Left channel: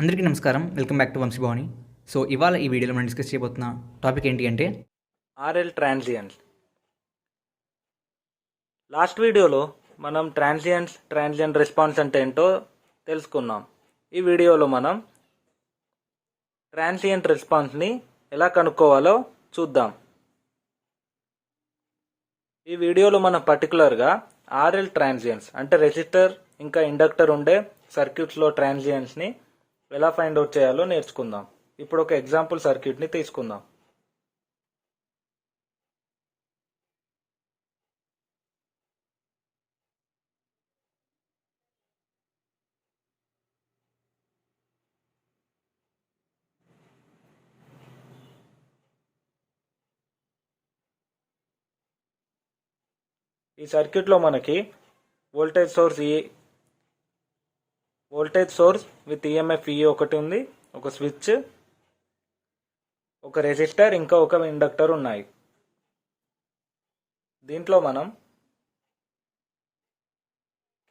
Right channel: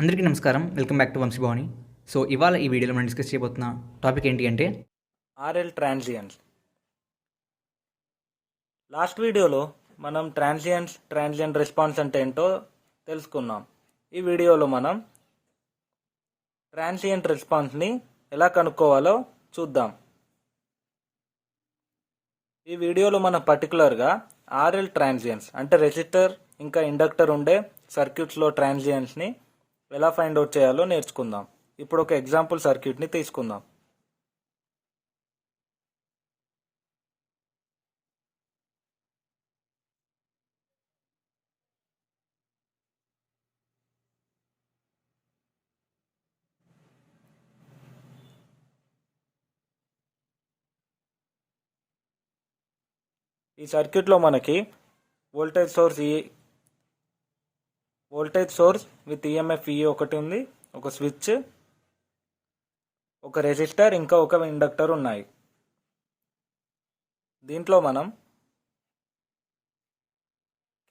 అందరికీ నమస్కారం. Welcome back to Vamshi Bhavani. So ఇవాళ ఈ వీడియోలో మనం డిస్కస్ చేయబోతున్న టాపిక్ ఏంటి అంటే ఆర్ఎల్ ట్రాన్సియన్స్. లాస్ట్ వీడియోలో మనం ట్రాన్సియెంట్ రెస్పాన్స్ అంటే ఏంటో తెలుసుకున్నాం. ఈ వీడియోలో మనం ట్రాన్సియెంట్ రెస్పాన్స్ని ఎలా కనుక్కోవాలో చూద్దాం. ఈ వీడియోలో మనం పర్టికులర్గా ఆర్ఎల్ ట్రాన్సియన్స్ అంటే రెసిస్టర్ ఇంకా ఇండక్టర్ ఉండే సర్క్యూట్స్లో ట్రాన్సియన్స్ని ఎలా ఫైండ్ అవుట్ చేయాలో నేర్చుకుందాం. ఇప్పుడు ఒక ఎగ్జాంపుల్ సర్క్యూట్ని తీసుకుందాం. ఈ సర్క్యూట్లో మనకి వోల్టేజ్ సోర్స్ విత్ ఈఎంఎఫ్ ఈ ఒకటి ఉంది, ఒక స్విచ్, ఒక రెసిస్టర్ ఇంకా ఒక ఇండక్టర్ ఉన్నాయి. దీంట్లో మనం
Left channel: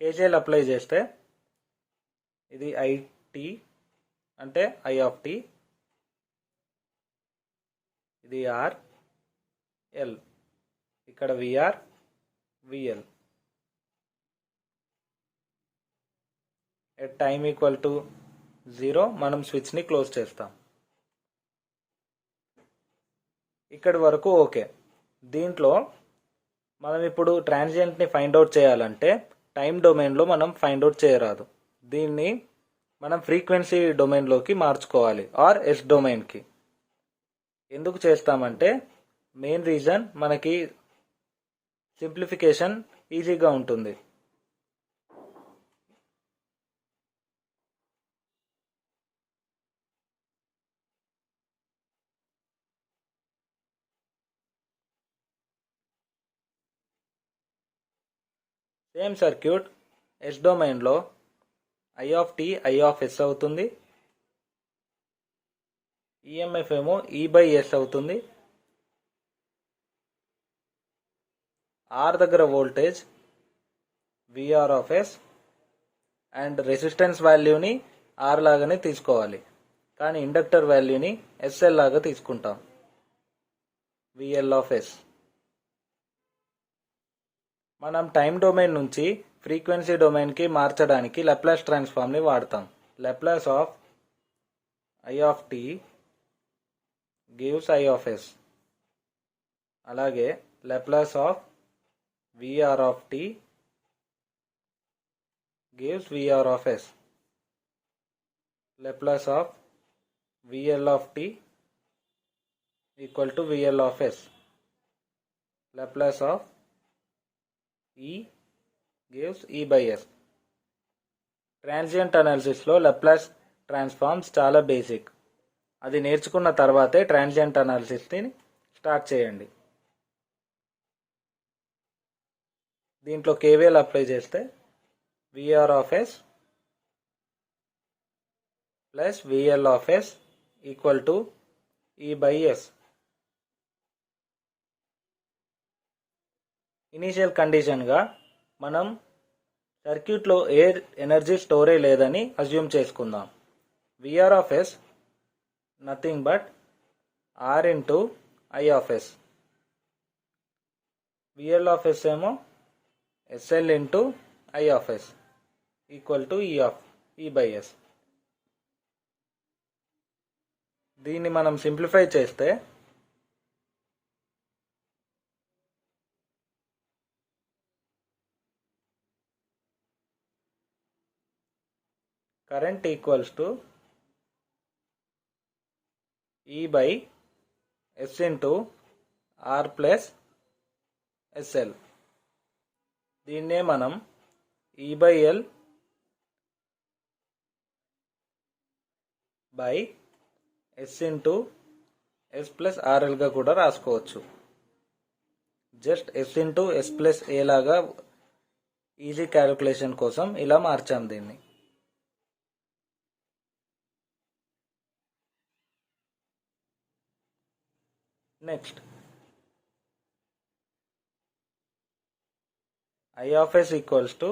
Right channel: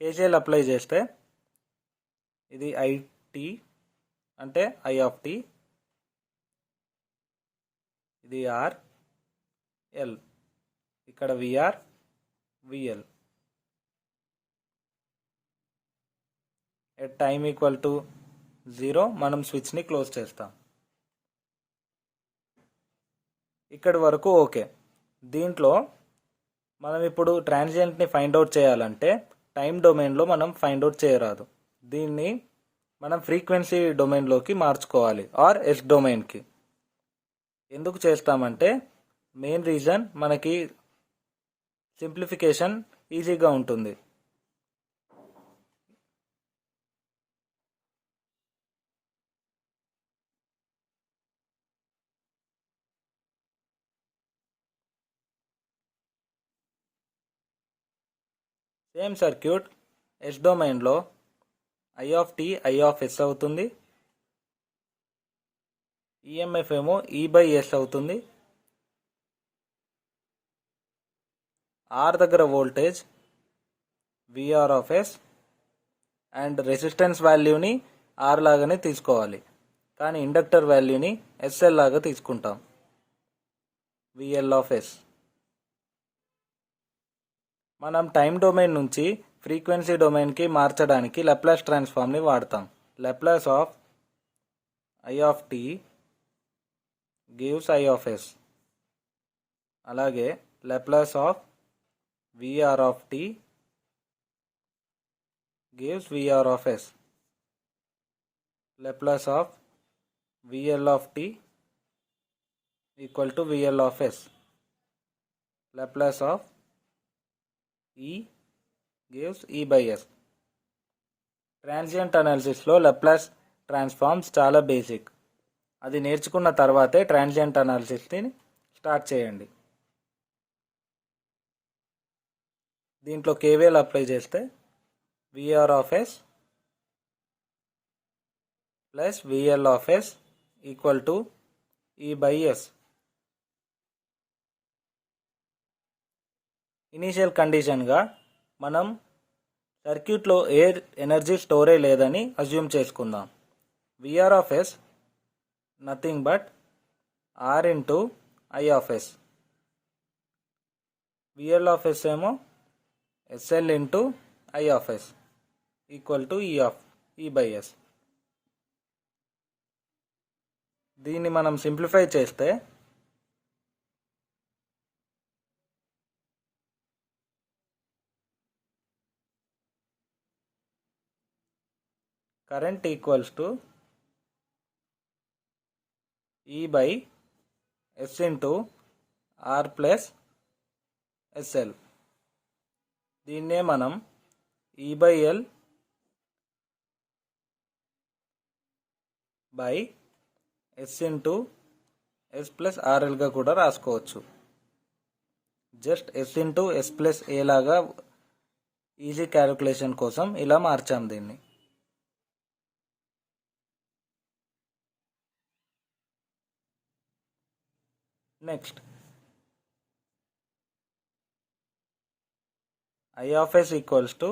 కేసీఎల్ అప్లై చేస్తే ఇది ఐటి అంటే ఐ ఆఫ్ టి, ఇది ఆర్ ఎల్, ఇక్కడ V R V L. At time equal to 0 మనం స్విచ్ని క్లోజ్ చేస్తాం. ఇక్కడి వరకు ఓకే. దీంట్లో మనం ఇప్పుడు ట్రాన్సియెంట్ని ఫైండ్ అవుట్ చేయాలంటే టైం డొమైన్లో మనం ఫైండ్ అవుట్ చేయరాదు. దీన్ని మనం ఫ్రీక్వెన్సీ డొమైన్లోకి మార్చుకోవాలి, ఆర్ ఎస్ డొమైన్కి. ఎందుకు చేస్తామంటే మెయిన్ రీజన్ మనకి సింప్లిఫికేషన్ ఈజీగా ఉంటుంది. సేమ్ సర్క్యూట్ ఎస్ డొమైన్లో I of T I of S అవుతుంది, ఈఎంఎఫ్ ఏమో ఈ బై ఎస్ అవుతుంది, ఆర్ దగ్గర voltage VR of S and resistance వాల్యూని ఆర్ లాగానే తీసుకోవాలి, కానీ ఇండక్టర్ వాల్యూని ఎస్ఎల్ లాగా తీసుకుంటాం, విఎల్ ఆఫ్ ఎస్. మనం టైం డొమైన్ నుంచి ఫ్రీక్వెన్సీ డొమైన్కి మార్చడానికి లాప్లాస్ ట్రాన్స్ఫార్మ్ని వాడతాం. Laplace of I of T gives I of S, అలాగే Laplace of VR of T gives VR of S, Laplace of VL of T equal to VL of S, Laplace of E gives E by S. Transient అనాలిసిస్లో Laplace transforms చాలా basic. అది నేర్చుకున్న తర్వాతే transient అనాలిసిస్ని start చేయండి. దీంట్లో KVL apply చేస్తే VR of S plus VL of S equal to E by S. Initial కండిషన్గా మనం సర్క్యూట్లో ఏ ఎనర్జీ స్టోరే లేదని అజ్యూమ్ చేసుకుందాం. VR of S nothing but R into I of S, VL of yes ఏమో S L into I of S equal to E by S. దీన్ని మనం simplify చేస్తే current equals to E by S into R plus SL. దీన్నే మనం E by L by S into S plus RL గా కూడా రాసుకోవచ్చు. Just S into S plus A లాగా easy calculation కోసం ఇలా మార్చాం దీన్ని. Next I of S equals to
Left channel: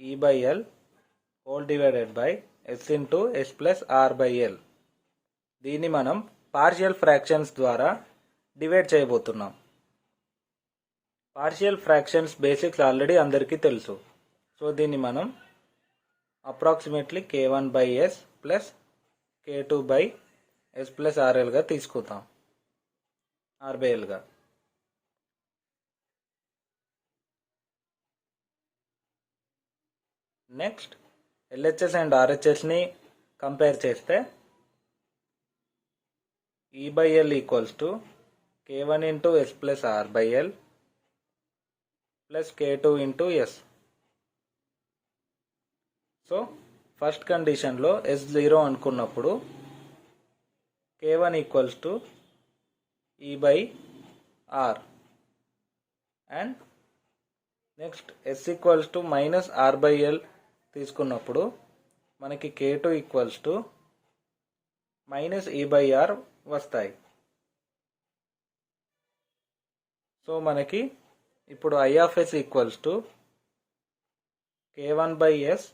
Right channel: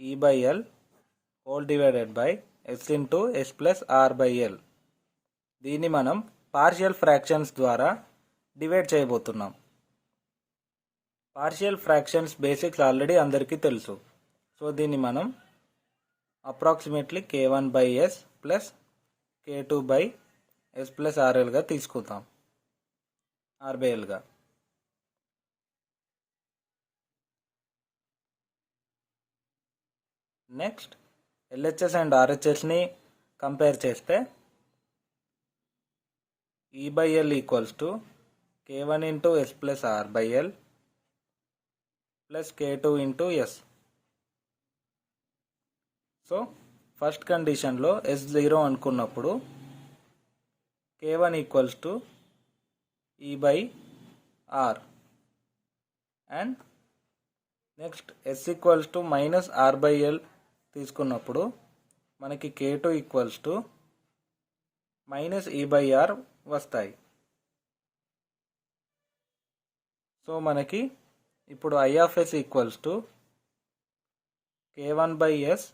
E by L whole divided by S into S plus R by L. దీన్ని మనం partial fractions ద్వారా డివైడ్ చేయబోతున్నాం. పార్షియల్ ఫ్రాక్షన్స్ బేసిక్స్ ఆల్రెడీ అందరికీ తెలుసు. సో దీన్ని మనం approximately k1 by S plus k2 by S plus ఆర్ఎల్గా తీసుకుందాం, ఆర్ బై ఎల్గా. నెక్స్ట్ ఎల్హెచ్ఎస్ అండ్ ఆర్హెచ్ఎస్ని కంపేర్ చేస్తే E by L equals to k1 into S plus R by L plus k2 into S. So first కండిషన్లో S 0 అనుకున్నప్పుడు k1 equals to E by R and next S equals to minus R by L తీసుకున్నప్పుడు మనకి k2 equals to minus E by R వస్తాయి. So మనకి ఇప్పుడు I of S equals to k1 by S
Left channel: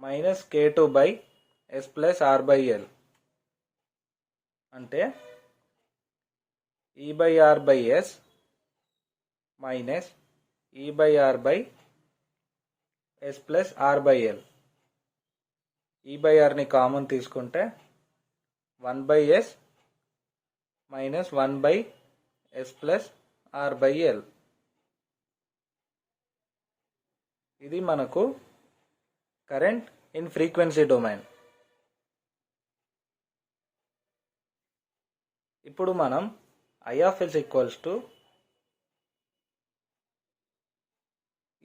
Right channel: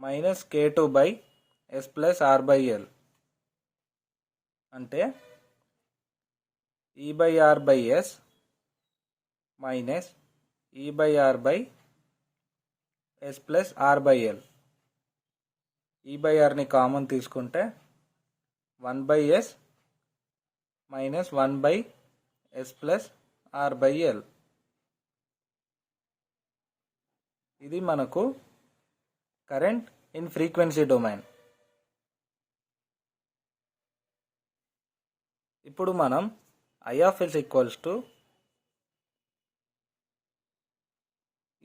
minus k2 by S plus R by L అంటే E by R by S minus E by R by S plus R by L. E by ఆర్ని common తీసుకుంటే 1 by S minus 1 by S plus R by L. ఇది మనకు current in frequency domain. ఇప్పుడు మనం I of S equals to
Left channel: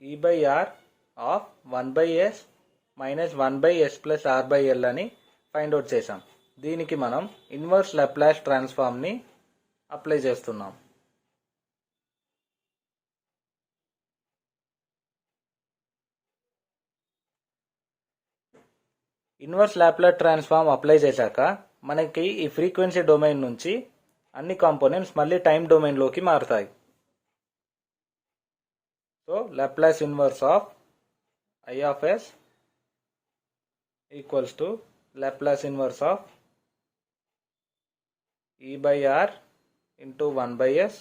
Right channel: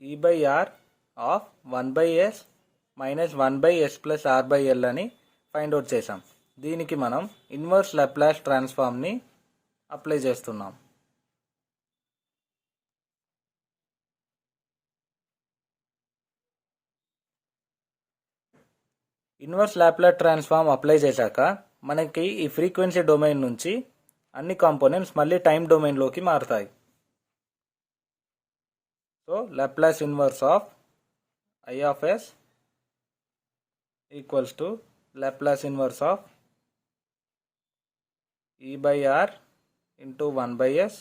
E by R of 1 by S minus 1 by S plus R by L అని find out చేసాం. దీనికి మనం inverse Laplace ట్రాన్స్ఫార్మ్ని apply చేస్తున్నాం. ఇన్వర్స్ లాప్లాస్ ట్రాన్స్ఫార్మ్ అప్లై చేశాక మనకి ఈ ఫ్రీక్వెన్సీ డొమైన్ నుంచి అన్ని కాంపోనెంట్స్ మళ్ళీ టైం డొమైన్లోకి మారుతాయి. So Laplace inverse of I of S equals to Laplace inverse of E by R into 1 by S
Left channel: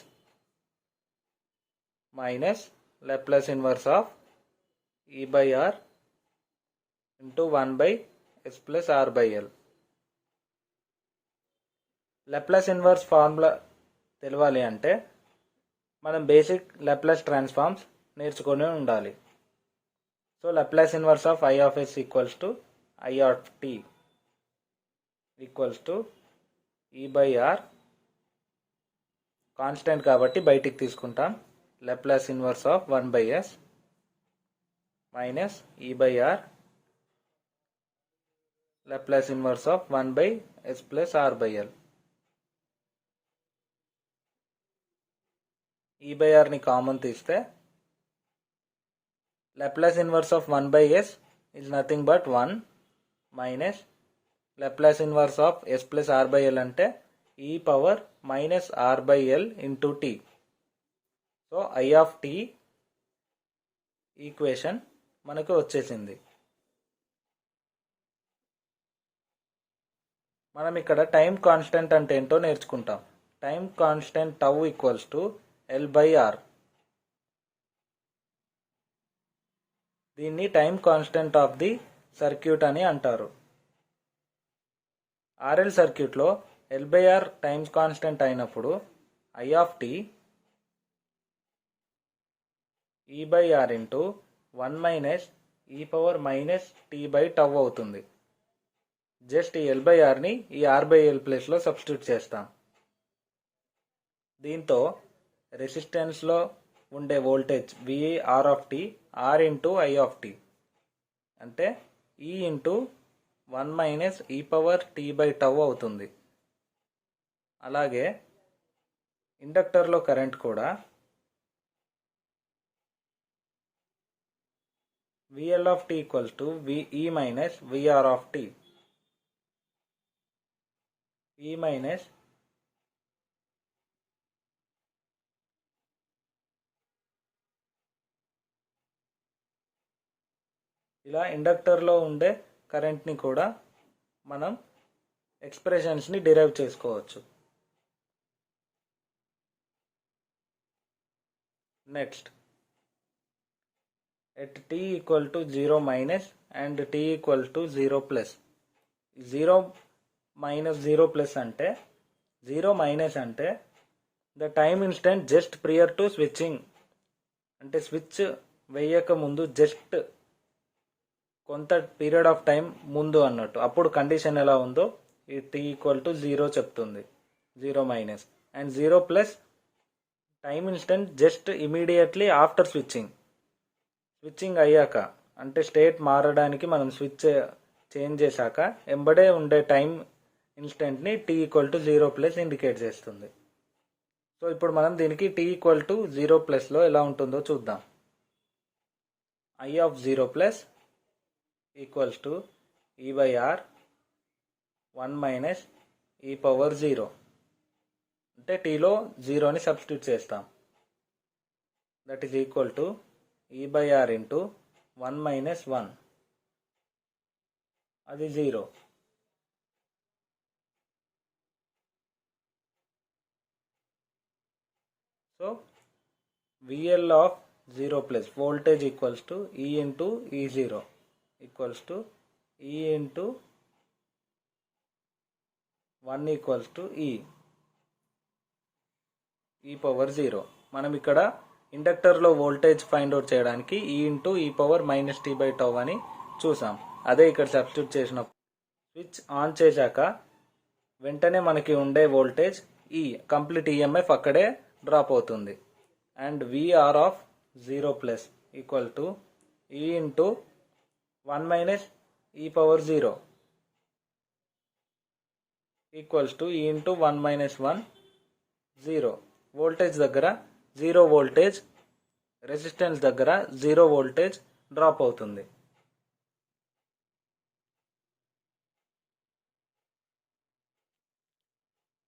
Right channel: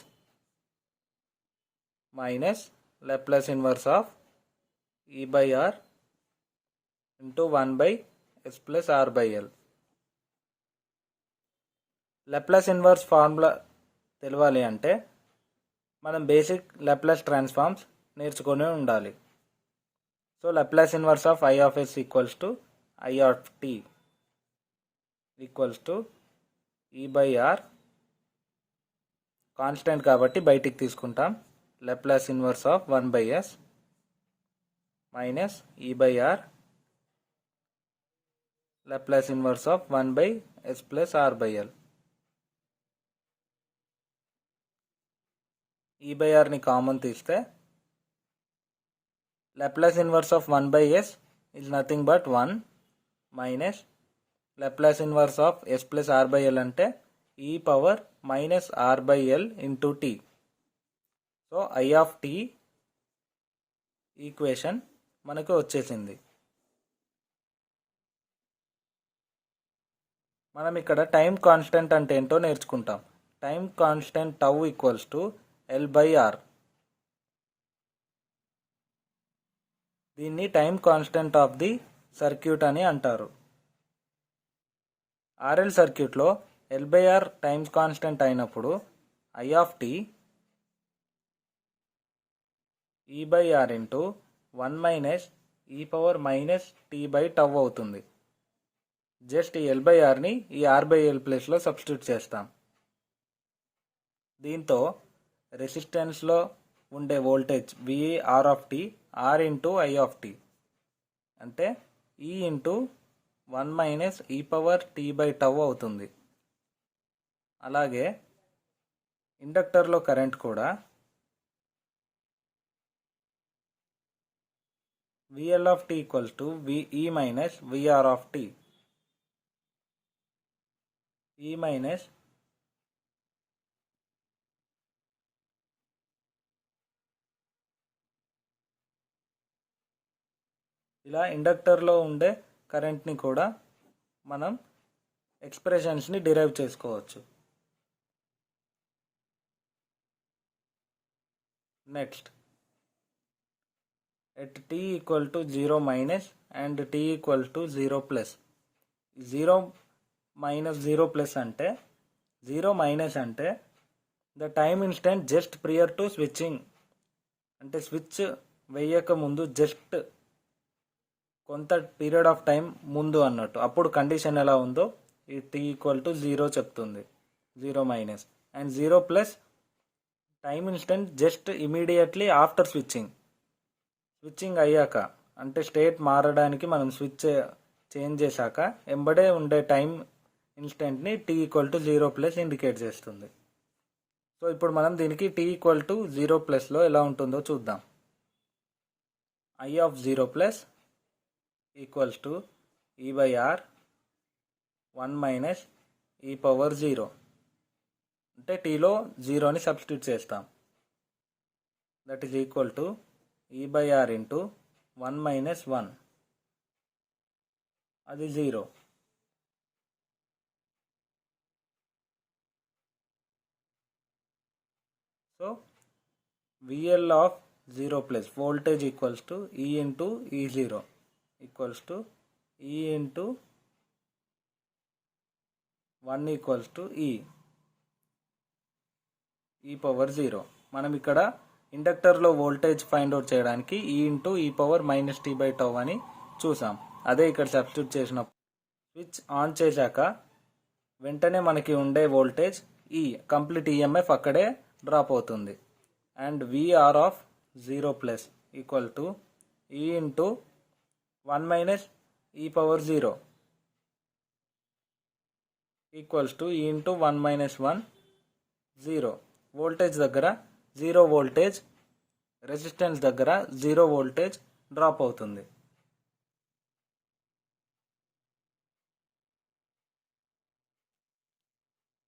minus Laplace inverse of E by R into 1 by S plus R by L. Laplace inverse formula తెలవాలి అంటే మనం basic Laplace transforms నేర్చుకొని ఉండాలి. So Laplace inverse of I of S equals to I of T equals to E by R, constant కాబట్టి బయటికి తీసుకుంటాం, Laplace inverse of 1 by S minus E by R Laplace inverse of 1 by S plus R by L. E by ఆర్ని common తీస్తే Laplace inverse of 1 by S is nothing but 1 minus Laplace inverse of S plus R by L అంటే E power minus R by L into T. So I of T equation మనకు వచ్చేసింది. మనం ఇక్కడ time constant అంటే ఏంటో నేర్చుకుంటాం. Time constant tau equals to L by R. దీన్ని time constant of the circuit అని అంటారు. ఆర్ఎల్ సర్క్యూట్లో L by R time constant అయినప్పుడు I of T E by R into 1 minus E power minus T by tau అవుతుంది. Just ఈ L by ఆర్ని ఈ R by L ప్లేస్లో substitute చేస్తాం. దీంతో రెసిస్టెన్స్లో ఉండే voltage VE R of T R into I of T అంటే E into 1 minus E power tea by tau అవుతుంది. అలాగే ఇండక్టర్లో కరెంట్ కూడా V L of T equals to V E minus V R of T. E minus ఇలా ఇండక్టర్లో ఉండే కరెంట్ని కూడా మనం ఎక్స్ప్రెషన్స్ని డిరైవ్ చేసుకోవచ్చు. Next, at t equal to 0 minus and t equal to 0 plus. 0 minus 0 plus అంటే 0 మైనస్ అంటే the time instant just prior to switching, అంటే స్విచ్ వేయక ముందు జస్ట్ కొంత పీరియడ్ ఆఫ్ టైం ముందు అన్నట్టు. అప్పుడు కండిషన్ ఎలా ఉందో ఈ t ఈక్వల్ టు 0 చెప్తుంది. 0 minus and 0 plus time instant just immediately after switching అయ్యాక, అంటే స్టేట్ మారడానికి మనం స్విచ్ చేంజ్ చేశాక ఎంబడే ఉండే టైం ఇన్స్టెంట్ని t equal to 0 plus indicate చేస్తుంది. సో ఇప్పుడు మనం దీనికి t ఈక్వల్ టు 0 ప్లస్లో ఎలా ఉంటుందో చూద్దాం. I of 0 plus equals to e/r 1 minus e power 0, అంటే టీలో 0ని సబ్స్టిట్యూట్ చేస్తాం. That is equal to e/r into 1 minus 1, అది 0. So VL of 0 plus voltage equals to E into E0 equals to E into 1 equals to E power 0. మనం ఇక్కడ ఇండక్టర్లో voltage find out చేయడానికి E into E power minus t/τ అని చూసాం. అదే ఇక్కడ substitute చేసినప్పుడు switch on చేశాక వెంటనే మనకి ఉండే వోల్టేజ్ E, కంప్లీట్ EMF అక్కడే డ్రాప్ అవుతుంది. And VR of 0 plus equal to E into 1 minus E power 0 equals to E into 1 minus 1, 0. Voltage దగ్గర 0 వోల్టేజ్, రెసిస్టెన్స్ దగ్గర 0 వోల్టేజ్ డ్రాప్ అవుతుంది.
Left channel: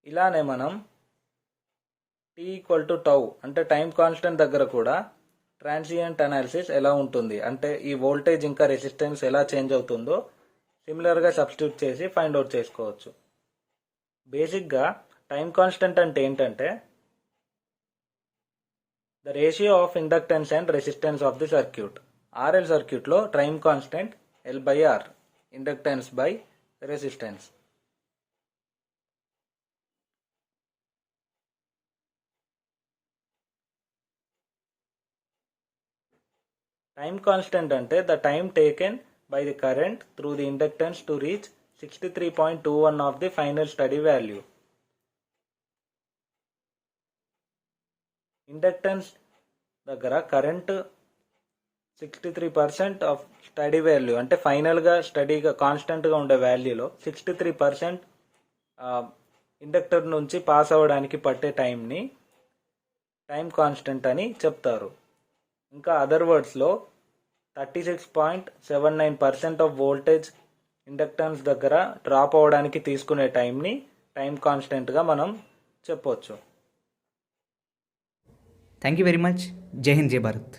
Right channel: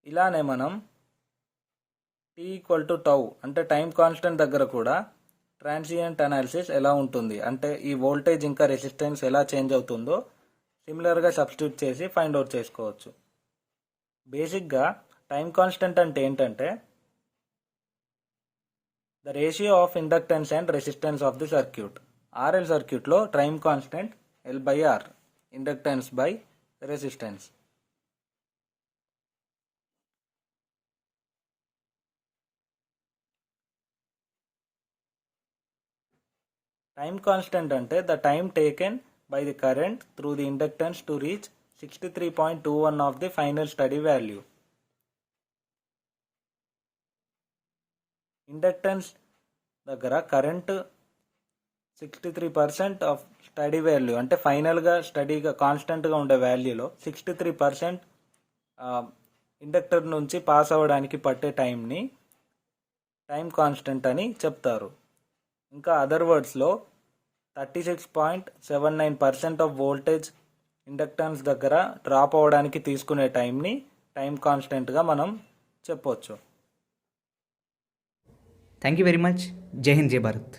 ఇలానే మనం t ఈక్వల్ టు టౌ, అంటే టైం కాన్స్టెంట్ దగ్గర కూడా ట్రాన్సియంట్ అనాలిసిస్ ఎలా ఉంటుంది, అంటే ఈ వోల్టేజ్ ఇంకా రెసిస్టెన్స్ ఎలా చేంజ్ అవుతుందో సిమిలర్గా సబ్స్టిట్యూట్ చేసి ఫైండ్ అవుట్ చేసుకోవచ్చు. బేసిక్గా టైం కాన్స్టెంట్ అంటే ఏంటంటే the ratio of inductance and resistance of the circuit. RL సర్క్యూట్లో time constant L/R, inductance by resistance. Time constant అంటే the time taken by the current through the inductance to reach 63.21 of the final steady value. Inductance దగ్గర current 63% of steady value, అంటే ఫైనల్గా స్టడీగా కాన్స్టెంట్గా ఉండే వాల్యూలో 63% inductor నుంచి pass అవ్వడానికి పట్టే టైంని టైం కాన్స్టెంట్ అని చెప్తారు. ఇంకా అదర్ వర్డ్స్లో 36.79% ఆఫ్ వోల్టేజ్ ఇండక్టెన్స్ దగ్గర డ్రాప్ అవ్వడానికి తీసుకునే టైంని టైం కాన్స్టెంట్గా మనం చెప్పొచ్చు. Thank you very much. జై హింద్, జై భారత్.